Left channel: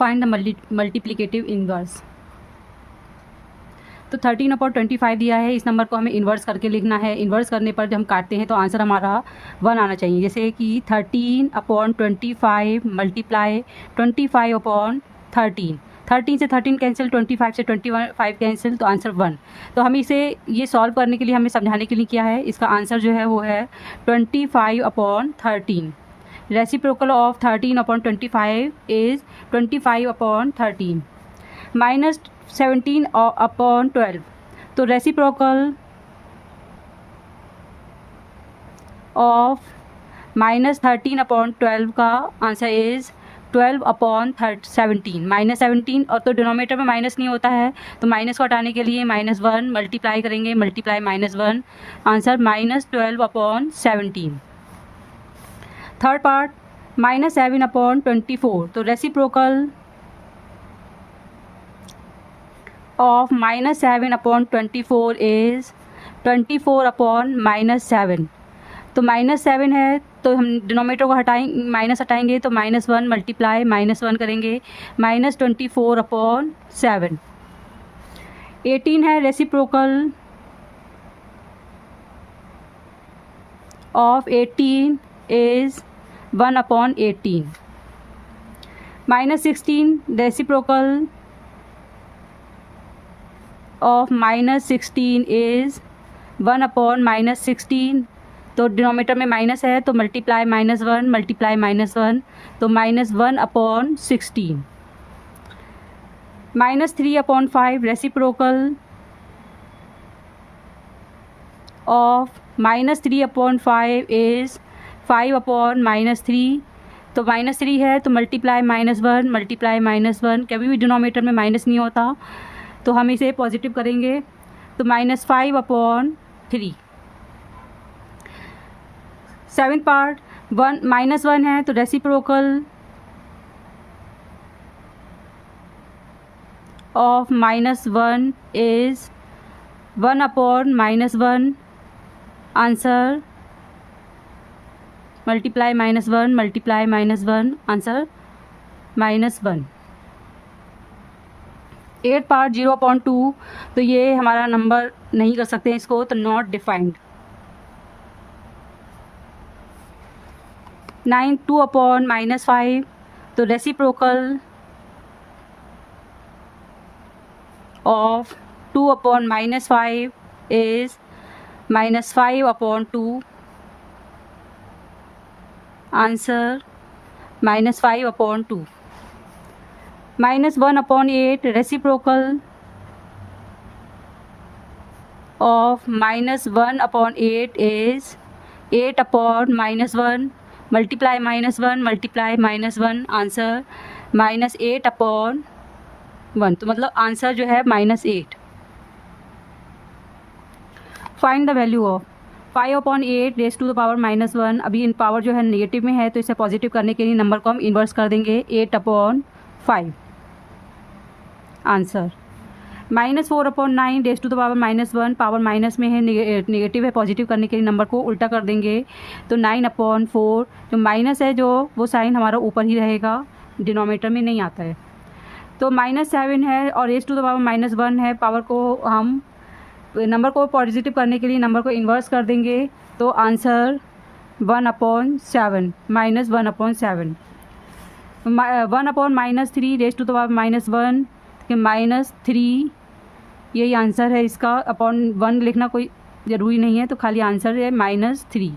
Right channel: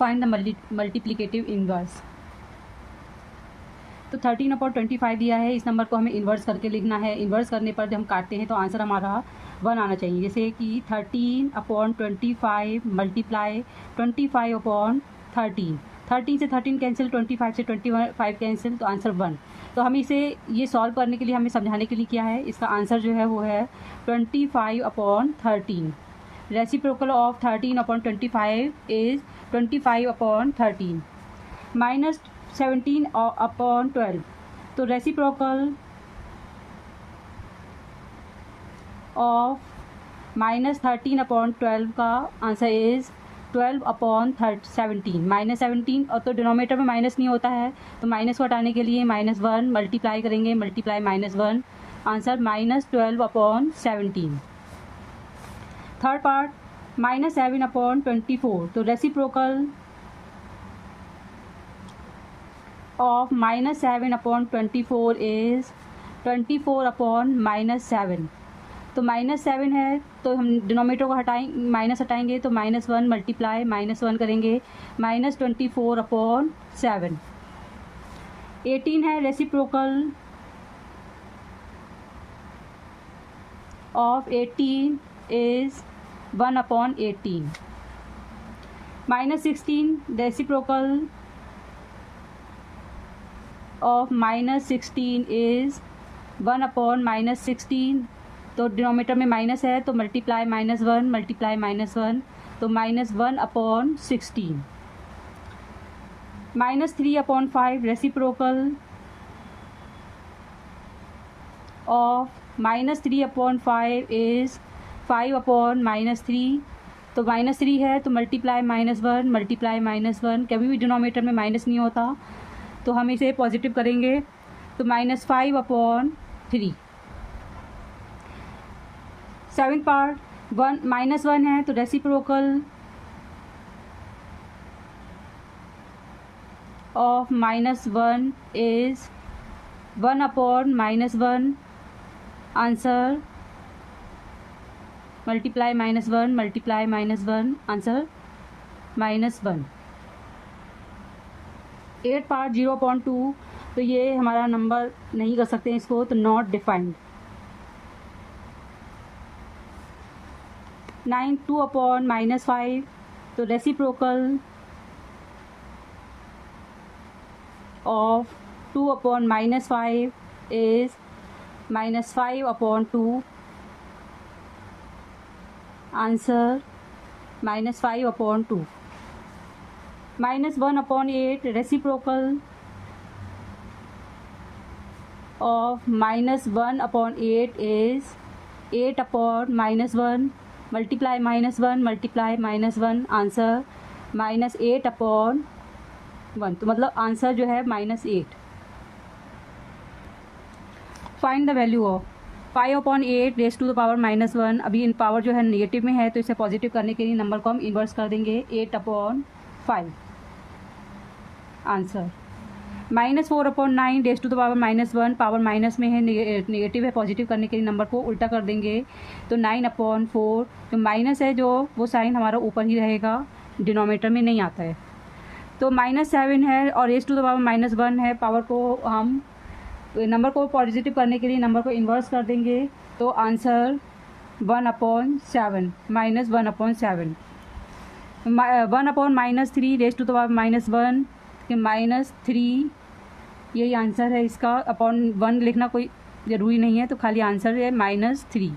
Find the multiplicative inverse. तो 13/25 दिया है, इस नंबर को हमें इन्वर्स करके लिखना है। इन्वर्स करने पर जब हम काटते हैं तो आंसर हमारा 1 आना चाहिए। जैसे कि 13/25 मल्टीप्लाई 25/13, 13 से 13 कैंसिल, 25 से 25 कैंसिल, तो आंसर 1। तो हम इसे ये सॉल्व करने के लिए हमें समझाने के लिए किया है। इसका आंसर जो है वो है 25/13। Reciprocal of 13/25 is 25/13 minus 17/12। तो रेसिप्रोकल ऑफ -13/12 का आंसर इज़ 12/17। -17 और तो डिनोमिनेटर में माइनस नहीं होता है, तो माइनस को हटाने के लिए -1 मल्टीप्लाई करेंगे, मल्टीप्लाई -1, आंसर -12/17। Third part -7/24। तो रेसिप्रोकल ऑफ -7/24 इज़ 24/-7। तो -7 है तो हम डिनोमिनेटर को माइनस हटाएंगे, तो -1 मल्टीप्लाई -1 करेंगे, -24/7। 18 है, reciprocal of 18 is 1/18। -16 reciprocal of -16 is 1/-16। तो डिनोमिनेटर में माइनस है तो मल्टीप्लाई -1 मल्टीप्लाई -1, तो -1/16। -3/5 रेसिप्रोकल ऑफ -3/5 इज़ 5/-3। तो -3 है तो मल्टीप्लाई -1 मल्टीप्लाई -1, कभी भी डिनोमिनेटर में माइनस नहीं होता, तो हम इसे पॉजिटिव करेंगे, तो -5/3। सेवेंथ पार्ट -1 है तो reciprocal of -1 is 1/-1, answer multiply -1 multiply -1, answer -1। 8 part 0/2। तो ये हमारा नंबर नहीं कर सकते हैं इसको, तो नॉट डिफाइंड। 9 2/-5। तो reciprocal of 2/-5 is -5/2, answer -5/2। -1/8 reciprocal of -1/8 is 8/-1, multiply -1 multiply -1, answer -8/1। तो मतलब आंसर जो है -8। Find the value of 5/8 raise to the power -1। अभी इन पावर जो है नेगेटिव में है, तो इसे पॉजिटिव करने के लिए नंबर को हम इन्वर्स कर देंगे, 8/5, answer -4/9 raise to the power -1। Power minus में है, नेगेटिव है, पॉजिटिव करने के लिए नंबर को उल्टा कर देंगे, तो 9/4। जो माइनस है जो वो साइन हमारा ऊपर ही रहेगा, डिनोमिनेटर में नहीं आता है। तो -7 है और रेज़ टू द पावर -1 है, पावर को हम नंबर को पॉजिटिव करने के लिए नंबर को इन्वर्स कर देंगे, तो answer 1/7 -1/7। 1/-3 raise to the power -1 के -3, यही आंसर है इसका। /1 लिखना कोई ज़रूरी नहीं है, तो खाली आंसर है -3।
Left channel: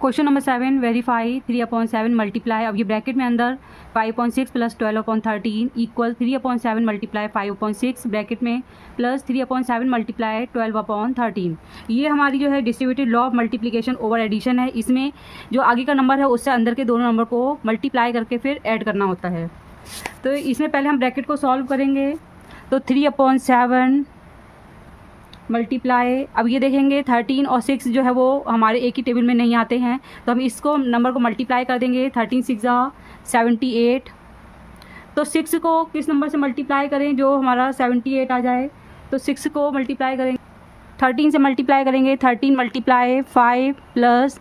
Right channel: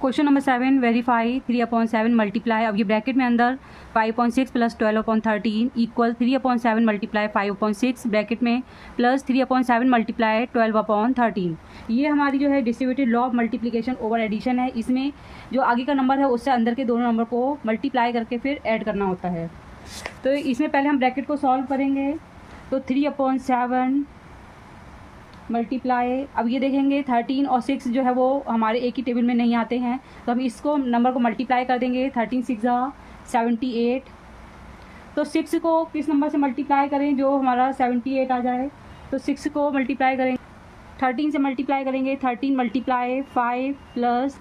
Question number 7, verify 3/7 multiply. अब ये ब्रैकेट में अंदर 5/6 + 12/13 इक्वल 3/7 मल्टीप्लाई 5/6 ब्रैकेट में प्लस 3/7 मल्टीप्लाई 12/13। ये हमारी जो है distributed law of multiplication over addition है। इसमें जो आगे का नंबर है उससे अंदर के दोनों नंबर को मल्टीप्लाई करके फिर ऐड करना होता है। तो इसमें पहले हम ब्रैकेट को सॉल्व करेंगे, तो 3/7 मल्टीप्लाई, अब ये देखेंगे 13 और 6 जो है वो हमारे एक ही टेबल में नहीं आते हैं, तो हम इसको नंबर को मल्टीप्लाई कर देंगे। 13 6 78। तो 6 को किस नंबर से मल्टीप्लाई करें जो हमारा 78 आ जाए, तो 6 को मल्टीप्लाई करेंगे 13 से मल्टीप्लाई करेंगे, 13 मल्टीप्लाई 5 प्लस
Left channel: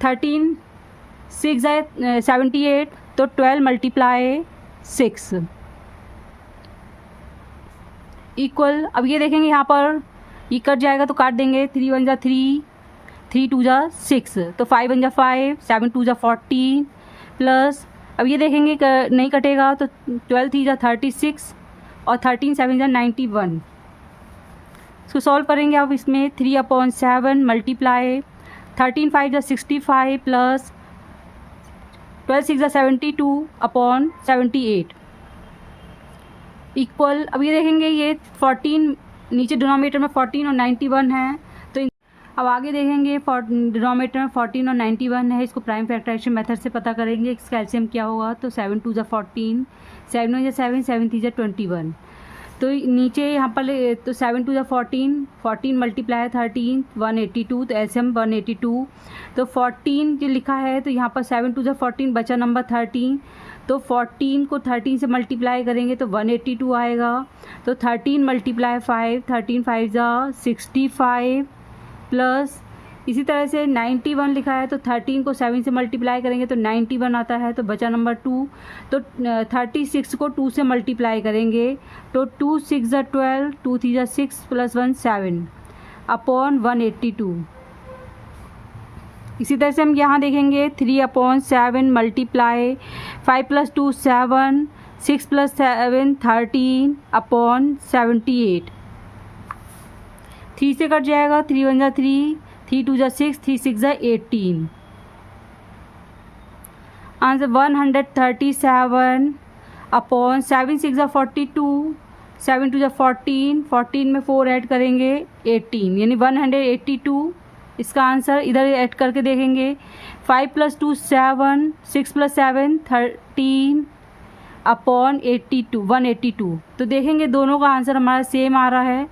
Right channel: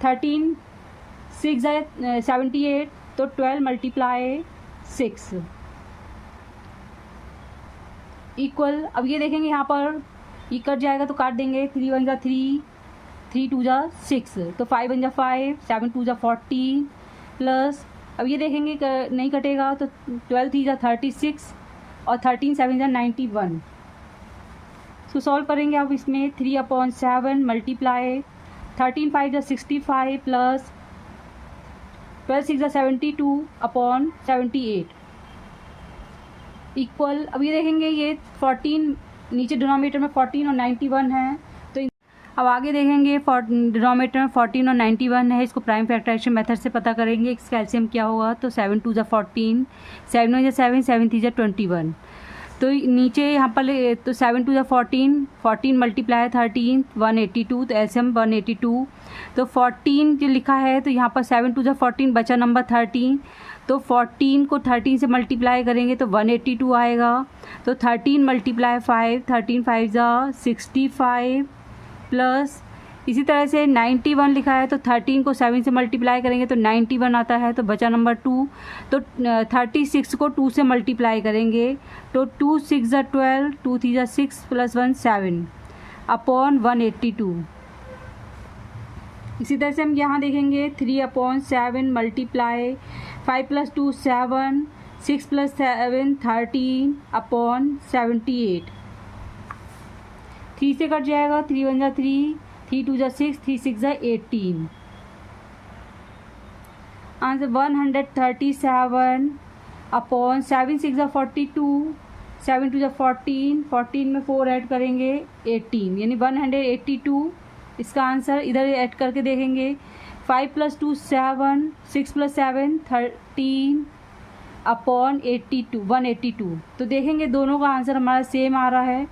13 6 78, तो 12 मल्टीप्लाई 6 इक्वल, अब ये देखेंगे यहाँ पर ये कट जाएगा तो काट देंगे, 3 1 जा 3, 3 2 जा 6, तो 5 1 जा 5, 7 2 जा 14 प्लस, अब ये देखेंगे नहीं कटेगा तो 12 3 जा 36 और 13 7 जा 91। इसको सॉल्व करेंगे अब, इसमें 3/7 मल्टीप्लाई 13 5 जा 65 प्लस 12 6 जा 72/78 इक्वल, अब ये देखेंगे ये 14 नीचे डिनोमिनेटर में 14 और 91 है, तो अब आगे देखेंगे डिनोमिनेटर में 14 और 91 है, इसको प्राइम फैक्टराइजेशन मेथड से पता करेंगे इसका एलसीएम क्या होगा। तो 7 2 जा 14, 7 1 जा 7, 7 3 जा 21, तो नीचे यहाँ पर तो 7 2 जा 14, 14 मल्टीप्लाई 13 182, तो एलसीएम 182, तो 14 जो लिखा है तो यहाँ पर 7 2 जा 14 बचा नंबर 13, तो 14 को 13 से मल्टीप्लाई करेंगे तो 182 आएगा, तो 13 मल्टीप्लाई 5, 13 5 जा 65 प्लस इसी तरह से 91 लिखा है तो 13 को 7 से मल्टीप्लाई करेंगे तो 91 आता है, तो बचा नंबर 2, तो 36 को 2 से मल्टीप्लाई करेंगे तो 2 6 जा 12, 2 3 जा 6 प्लस 1 7 अपॉन 182। इसी तरह से हम यहाँ देखेंगे 3/7 मल्टीप्लाई 5 + 2 7, 6 + 7 13 अपॉन 78, 3 से कट जाएगा, 3 1 जा 3, 3 2 जा 6, 3 6 जा 18, आंसर 137 अपॉन 7 6 जा 42, 7 2 जा 14, 14 में 4 ऐड करेंगे 18, यानी 182 इसका आंसर। इधर ऐड करके देखेंगे 5 + 2 7, 6 + 7 13 अपॉन 82 182, तो देखेंगे दोनों का आंसर हमारा सेम आ रहा है।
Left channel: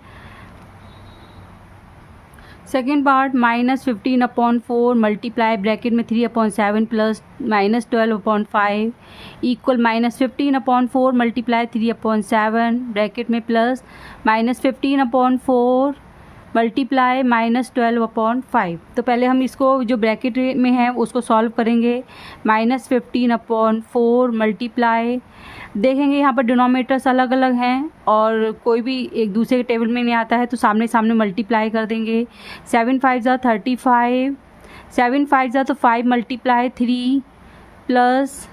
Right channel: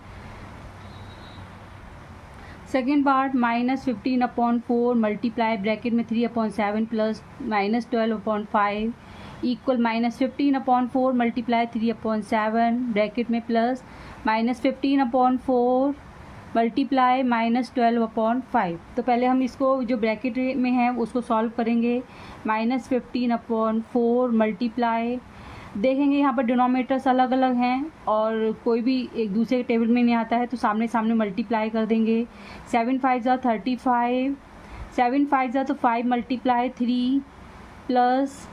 सेकेंड पार्ट -15/4 मल्टीप्लाई ब्रैकेट में 3/7 प्लस -12/5 इक्वल -15/4 मल्टीप्लाई 3/7 ब्रैकेट में प्लस -15/4 मल्टीप्लाई -12/5। तो पहले हम इसको जो ब्रैकेट में है उसको सॉल्व करेंगे। -15/4 मल्टीप्लाई, देखेंगे यहाँ पर डिनोमिनेटर्स अलग अलग हैं और कोई भी एक दूसरे के टेबल में नहीं आता है तो सामने सामने मल्टीप्लाई कर देंगे। 7 5 जा 35, 7 5 जा तो 5 मल्टीप्लाई 3 प्लस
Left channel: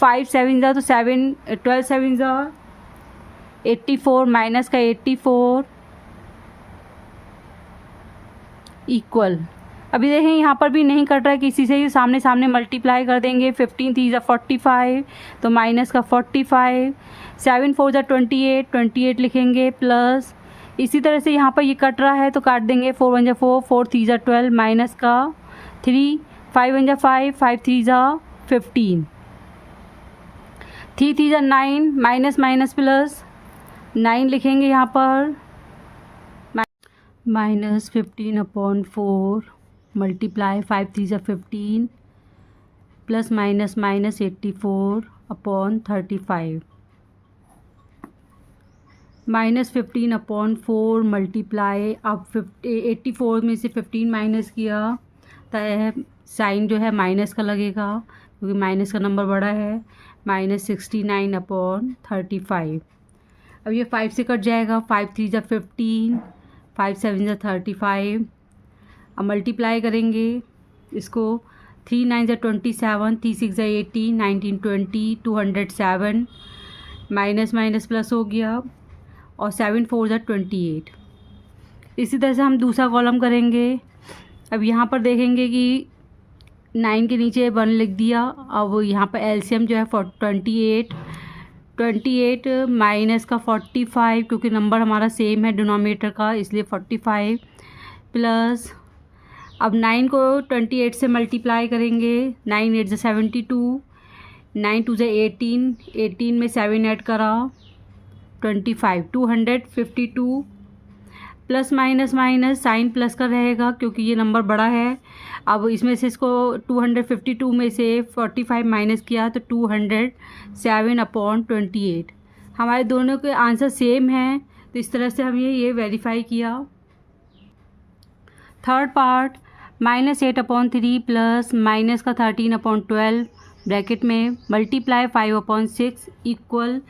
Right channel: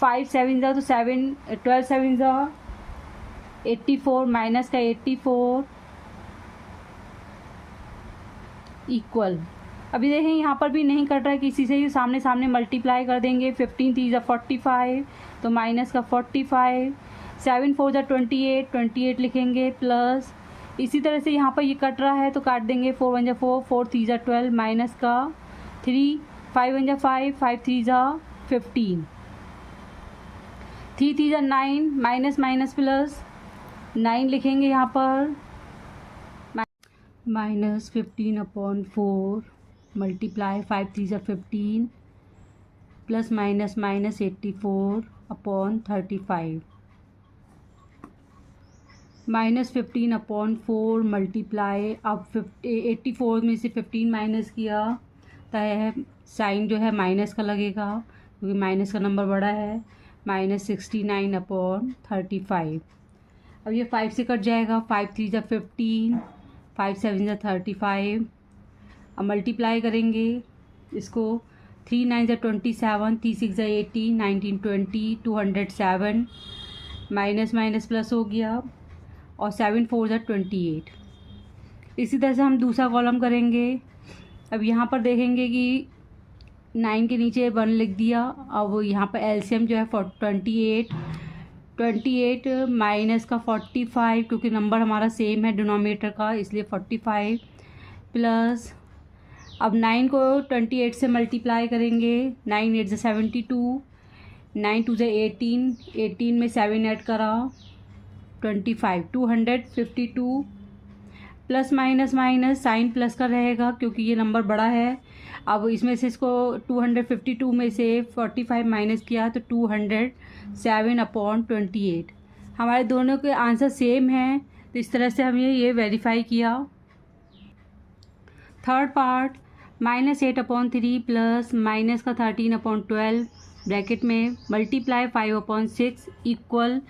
5 7 जा तो 7 12 7 जा 84 माइनस का 84 इक्वल, अभी देखें यहाँ पर भी नहीं कट रहा है किसी से, ही सामने सामने मल्टीप्लाई कर देंगे। 15 3 जा 45 तो माइनस का 45, 7 4 जा 28 28 लिखेंगे प्लस, इसी तरह से यहाँ पर ये कट रहा है तो काट देंगे। 4 1 जा 4, 4 3 जा 12 माइनस का 3, 5 1 जा 5, 5 3 जा 15, 3 3 जा 9 माइनस माइनस प्लस 9 लिखेंगे यहाँ पर। -15/4 मल्टीप्लाई 5 3 जा 15 प्लस माइनस माइनस 84/35, -15/4 मल्टीप्लाई, अब 84 में से 15 माइनस किया तो साइन जो है माइनस का लगेगा क्योंकि माइनस का नंबर बड़ा है, -69/35। अब ये 5 से कट जाएगा, 5 3 जा 15, 5 7 जा 35। अब मल्टीप्लाई करेंगे इसको, 3 9 जा 27, 3 6 जा 18, 19 20 207, माइनस माइनस प्लस हो गया और 7 4 जा 28। इसी तरह से हम दूसरा कॉलम करेंगे। अब यहाँ पर देखेंगे कि 9 के नीचे 1 लिख दिया। अब यहाँ पर एलसीएम जो है 28 माइनस का 45 क्योंकि नंबर हमारा सेम है डिनोमिनेटर का इसलिए 45 प्लस, अब 9 को 28 से मल्टीप्लाई करेंगे। 9 8 जा 72, 9 2 जा 18, 18 में 7 ऐड करा 25, 252 plus minus minus sign plus का रहेगा क्योंकि ये नंबर बड़ा है। अब इसमें से इसको 252 में से 45 माइनस किया तो 207/28। हमारे दोनों के आंसर सेम हैं तो इस तरह से हम ये वेरीफाई किया। थर्ड पार्ट -8/3 प्लस माइनस का 13/12 ब्रैकेट में multiply 5/6 equal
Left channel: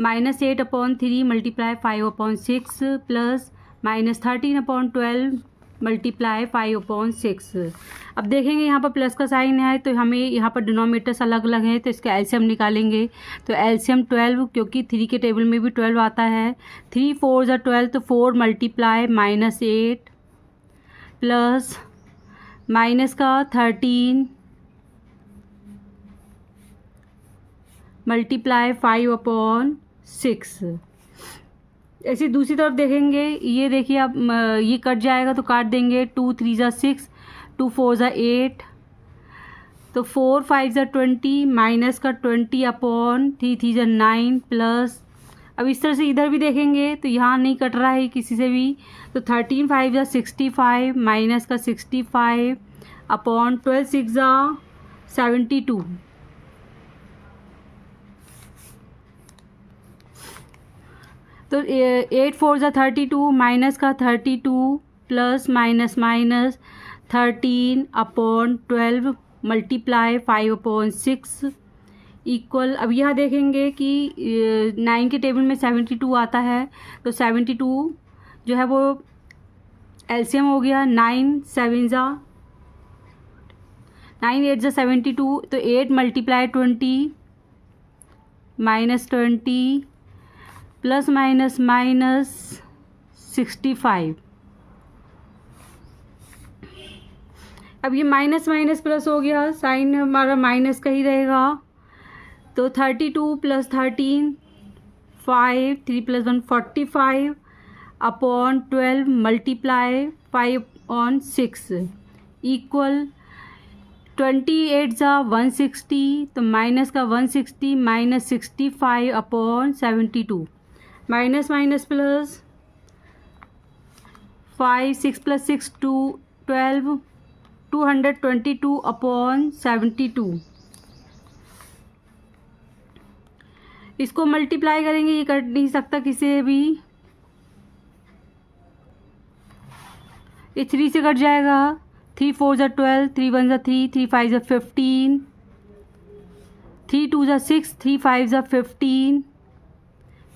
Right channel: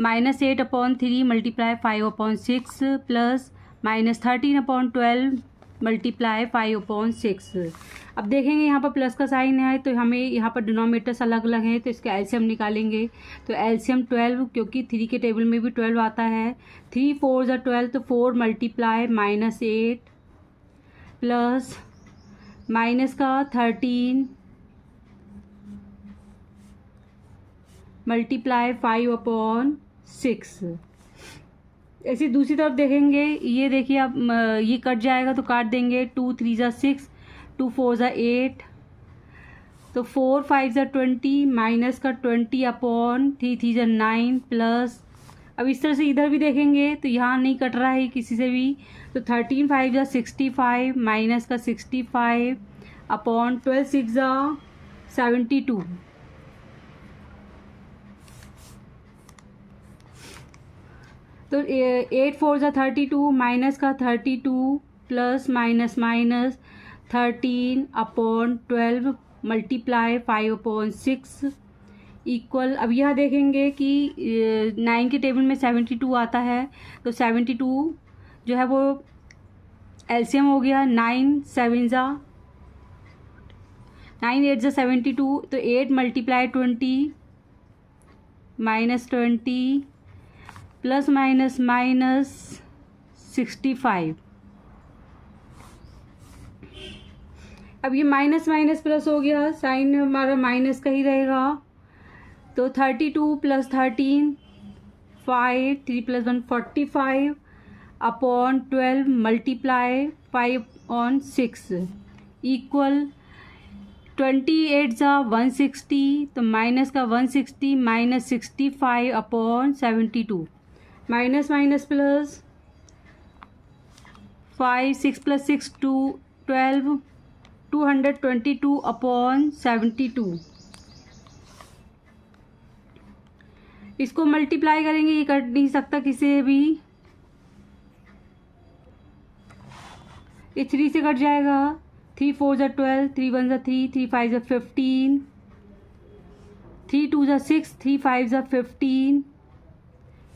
-8/3 multiply 5/6 plus -13/12 multiply 5/6। अब देखेंगे यहाँ पर प्लस का साइन है तो हमें यहाँ पर डिनोमिनेटर्स अलग अलग हैं तो इसका एलसीएम निकालेंगे। तो एलसीएम 12 क्योंकि 3 के टेबल में भी 12 आता है। 3 4 ज़ा 12 तो 4 मल्टीप्लाई -8 प्लस माइनस का 13 मल्टीप्लाई 5/6। ऐसी दूसरी तरफ देखेंगे, ये देखिए आप ये कट जाएगा तो काट देंगे। 2 3 ज़ा 6, 2 4 ज़ा 8 तो 4 5 ज़ा 20 माइनस का 20/3 3 ज़ा 9 प्लस। अब इस तरह से इधर भी देखेंगे तो यहाँ नहीं कट रहा है किसी से भी, तो 13 5 ज़ा 65 माइनस का 65/12 6 ज़ा 72 तो 8 4 ज़ा 32 माइनस का 32 plus minus minus 13/12 multiply 5/6 equal. अब यह देखेंगे कि 9 के टेबल में 72 आता है तो 72 जो है वो एलसीएम हो गया। 9 7 ज़ा 9 8 ज़ा 72 तो 8 multiply 20 minus 20 plus minus minus 65। अब ये माइनस माइनस प्लस हो गया, साइन हमारा माइनस का ही रहेगा। तो 32 प्लस 13 5 3 + 1 45/12 मल्टीप्लाई 5/6 इक्वल 28 ज़ा 160 तो माइनस का 160 माइनस 65/72 माइनस माइनस प्लस 5 6 + 6 12 222/72। इसको मल्टीप्लाई करेंगे, ये कट नहीं सकता किसी भी, ये 3 से कट जाएगा। 3 4 ज़ा 12 3 1 ज़ा 3 3 5 ज़ा 15 3 2 ज़ा 6 3 5 ज़ा 15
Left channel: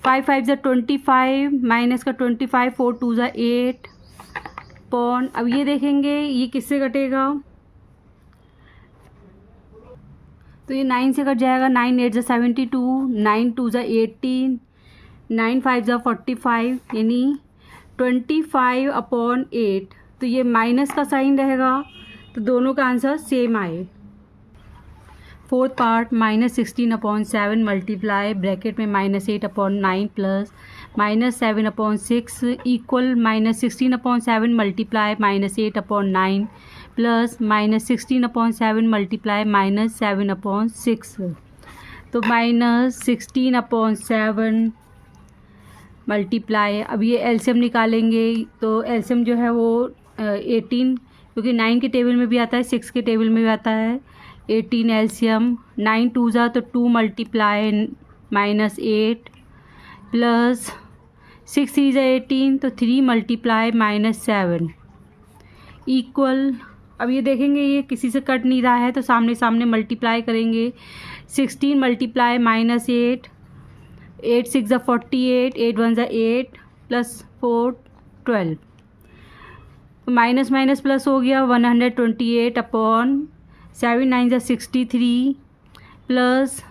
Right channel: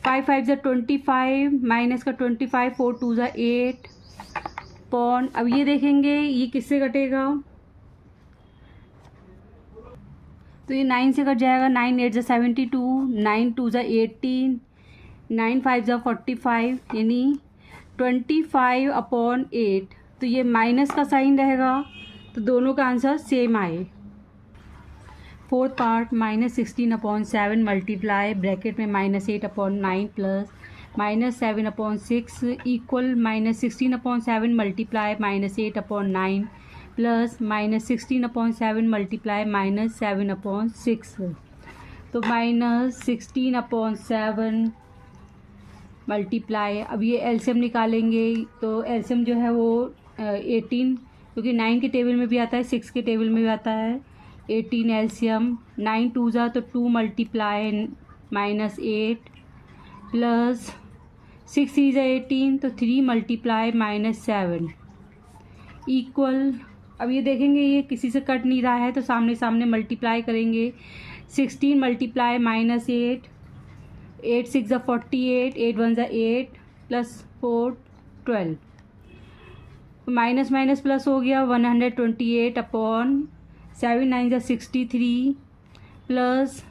5 5 ज़ा 25 माइनस का 25 4 2 ज़ा 8 पॉन। अब ये देखेंगे ये किससे कटेगा, तो ये 9 से कट जाएगा। 9 8 ज़ा 72 9 2 ज़ा 18 9 5 ज़ा 45 यानी 25/8। तो ये माइनस का साइन रहेगा तो दोनों का आंसर सेम आए। फोर्थ पार्ट -16/7 मल्टीप्लाई ब्रैकेट में -8/9 plus -7/6 equal -16/7 multiply -8/9 plus -16/7 multiply -7/6 तो -16/7 मल्टीप्लाई। अब ये एलसीएम निकालेंगे तो एलसीएम जो है वो 18 क्योंकि 9 के टेबल में भी आता है 6 के टेबल में भी आता है। 18 एलसीएम 9 2 ज़ा तो 2 मल्टीप्लाई -8 प्लस 6 3 ज़ा 18 तो 3 मल्टीप्लाई -7 इक्वल। अब ये देखेंगे ये किसी से कट नहीं रहा है तो सामने सामने मल्टीप्लाई करेंगे। 16 मल्टीप्लाई -8 8 6 ज़ा 48 8 1 ज़ा 8 प्लस 4 12 माइनस माइनस प्लस हो गया 128/7 9 ज़ा 63 प्लस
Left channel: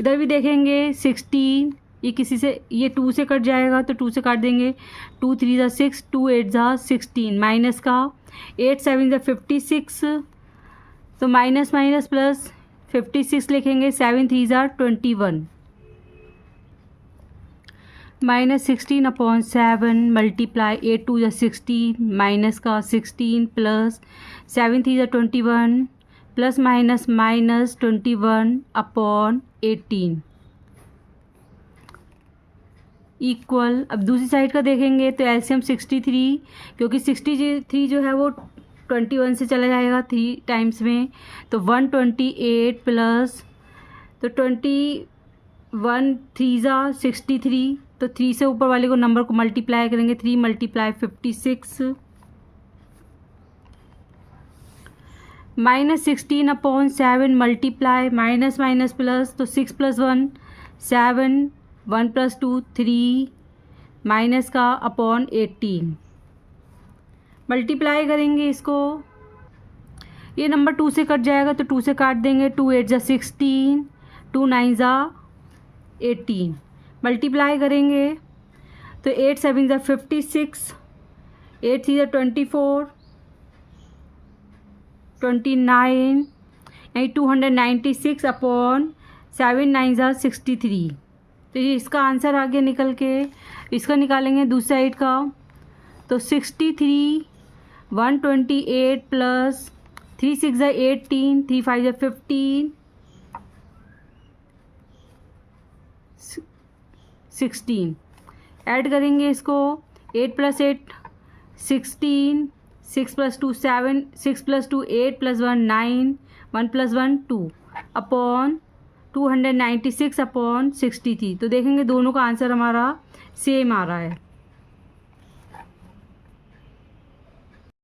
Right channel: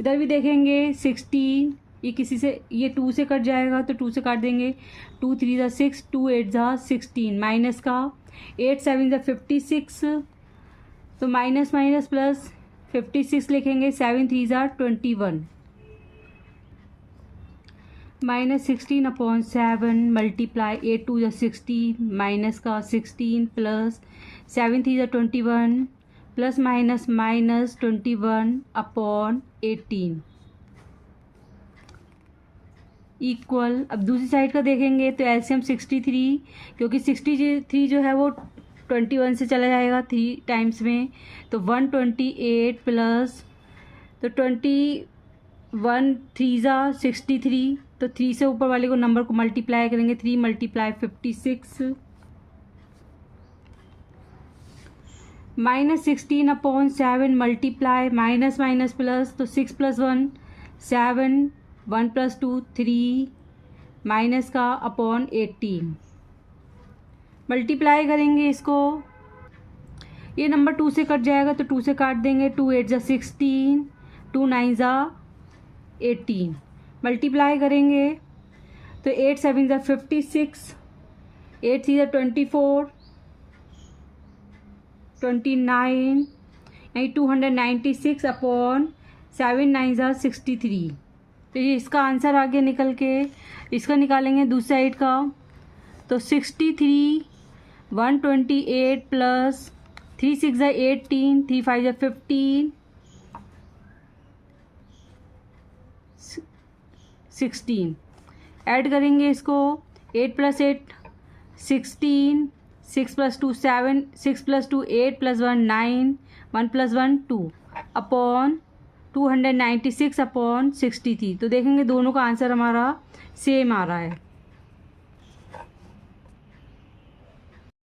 इधर भी देखेंगे 16 ये किसी से ये 2 से कट जाएगा तो 2 से काट देंगे। 2 3 ज़ा 6 2 8 ज़ा 16 माइनस का 8 7 ज़ा 56 तो माइनस माइनस प्लस 56 लिखेंगे। 7 3 ज़ा 21 -16/7 मल्टीप्लाई 8 2 ज़ा 16 माइनस का 16 प्लस 7 3 ज़ा 21 प्लस माइनस माइनस 21/18 इक्वल। अब दूसरी साइड का देखेंगे तो एलसीएम 63 क्योंकि 63 जो है वो 21 से चला जाएगा 3 टाइम्स में तो 128 प्लस तो 21 3 ज़ा 63 तो 3 से ऊपर वाले को नंबर को मल्टीप्लाई करेंगे। 3 multiply 56 -16/7 multiply minus minus plus, तो 6 + 1 7, 1 + 2 3 माइनस का अपॉन 18 मल्टीप्लाई करेंगे इसको। ये नंबर 2 से कट जाएगा तो 2 से काट देंगे, 2 8 = 16, 2 9 = 18 मल्टीप्लाई करेंगे तो 8 7 = 56, 8 3 = 24, 29 यानी 296/7 9 = 63। तो ये इसका आंसर आ गया निकल के। इसका निकालेंगे दूसरी साइड का, तो 63 128 प्लस 3 6 = 18, 3 5 = 15, 16 ऐड करेंगे इसको। 8 + 8 16, 6 + 2 7, 6 + 2 8 + 1 9, 1 + 1 2 अपॉन 296/63। तो देखेंगे दोनों का आंसर हमारा सेम आ रहा है।